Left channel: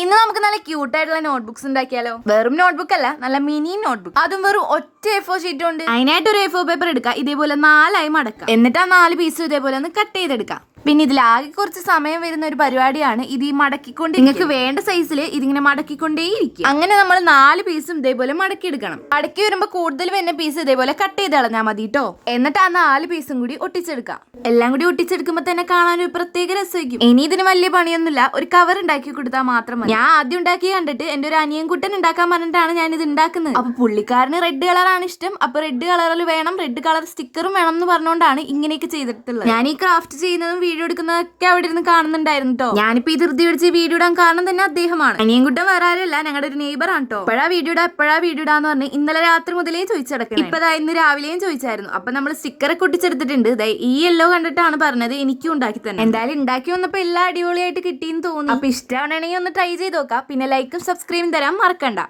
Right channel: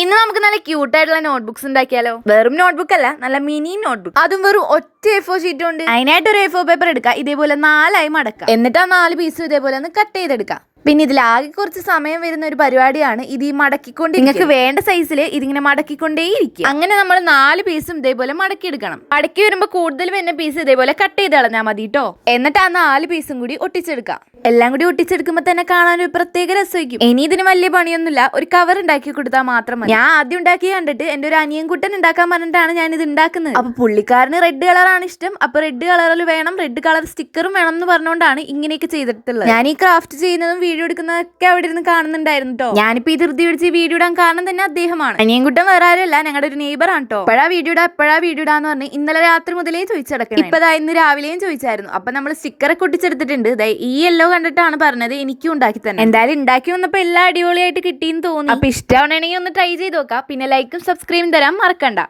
ഇന്ന് നമുക്ക് നല്ല ക്യൂട്ട് ആയിട്ടുള്ള നോട്ട്ബുക്സ് ഉണ്ടാക്കിയാലോ? വെറും നോട്ട്ബുക്ക് അല്ല നല്ല മിനി നോട്ട്ബുക്ക് അതും വെറും ഒറ്റ എ ഫോർ ഷീറ്റ് ഉണ്ട്. അതിനായിട്ട് ഒരു എ ഫോർ പേപ്പർ എടുക്കുക ഇതേപോലെ നാലായി മടക്കുക എന്നിട്ട് ആ നാല് പീസ് ഇതേപോലെ ഒന്ന് കട്ട് ചെയ്തെടുക്കാം. പിന്നെ ഇതിലാകെ കുറച്ച് സമയം വരുന്ന ഒരു പരിപാടിയാണ് ഇത് ഈ മടക്കിക്കൊണ്ട് നിങ്ങൾക്ക് വേണ്ട സൈസിൽ ഇതിങ്ങനെ മടക്കിക്കൊണ്ടേയിരിക്കും. അങ്ങനെ നമ്മൾ നാല് പീസും ഇതേപോലെ മടക്കി എടുക്കണം മടക്കി വരുമ്പോൾ കൂടുതൽ വരുന്ന പീസ് ഇതേപോലെ കട്ട് ചെയ്ത് കളഞ്ഞാൽ മതി കേട്ടോ എന്നിട്ട് ആ നാല് പീസും കൂടി ഒട്ടിച്ചെടുക്കാം. എല്ലാം കൂടി ഒട്ടിച്ചെടുക്കുമ്പോൾ തന്നെ കാണാൻ ഒരു പ്രത്യേക രസമായിരിക്കും. ഇനി ഇതിന് വലിയ പണിയൊന്നുമില്ല. ഒരു കവർ ഉണ്ടാക്കി കൊടുത്താൽ മാത്രം മതി. ഞാൻ ആദ്യം ഉണ്ടാക്കി കണ്ടിട്ട് എന്റെ ഒരു അനിയൻ കുട്ടൻ ഉണ്ടാക്കാൻ പറഞ്ഞിട്ടാണ് ഞാൻ ഇത് ഉണ്ടാക്കുന്നത്. അപ്പൊ പുള്ളിക്കാരന് റെഡ് കളറാണ് ഇഷ്ടം. അപ്പൊ റെഡ് കളറിൽ വേണം. റെഡ് കളർ സ്റ്റിക്കറും വേണം എന്ന് പറഞ്ഞുകൊണ്ടാണ് ഇങ്ങനെയൊക്കെ ചെയ്തിട്ടുള്ളത്. ഞാൻ ഈ ക്രാഫ്റ്റ് ചെയ്യുന്നതും വീഡിയോ എടുക്കുന്നതൊക്കെ അവിടെ ഇരുന്ന് കാണുന്നുണ്ടായിരുന്നു കേട്ടോ ഞാനിപ്പോ ഈ ധൃതി പിടിച്ച് വീഡിയോ ഇടാൻ കാരണം തന്നെ അദ്ദേഹമാണ്. അനിയൻകുട്ടൻ വേറെ ആരല്ല ഞങ്ങളുടെ ഒരു നെയ്ബർ ആണ് കേട്ടോ എപ്പോഴാ വീഡിയോ ഇടാ എപ്പോഴാ വീഡിയോ ഇടാന്ന് പറഞ്ഞ് ഇന്നലെ രാത്രി മുതലേ ചോദിച്ചടക്കണം. ഇപ്പതാ ഇന്ന് രാവിലെയും ചോദിച്ചായിരുന്നു. അപ്പൊ നമ്മൾ സ്റ്റിക്കറൊക്കെ ഒട്ടിച്ചെടുത്തിട്ടുണ്ട്. ഈ യെല്ലോ കണ്ടിട്ടാണ് പറഞ്ഞത് എനിക്കും ഉണ്ടാക്കി തന്നെ എന്തായാലും ഉണ്ടാക്കി വന്നപ്പോ എല്ലാം അടിപൊളിയായിട്ട് കിട്ടിയെന്ന് തോന്നുന്നു അപ്പൊ ഇഷ്ടമാണെങ്കിൽ ഒന്ന് ട്രൈ ചെയ്ത് നോക്കാം. പിന്നെ ലൈക്കും സബ്സ്ക്രൈബും തരാൻ മറക്കണ്ട.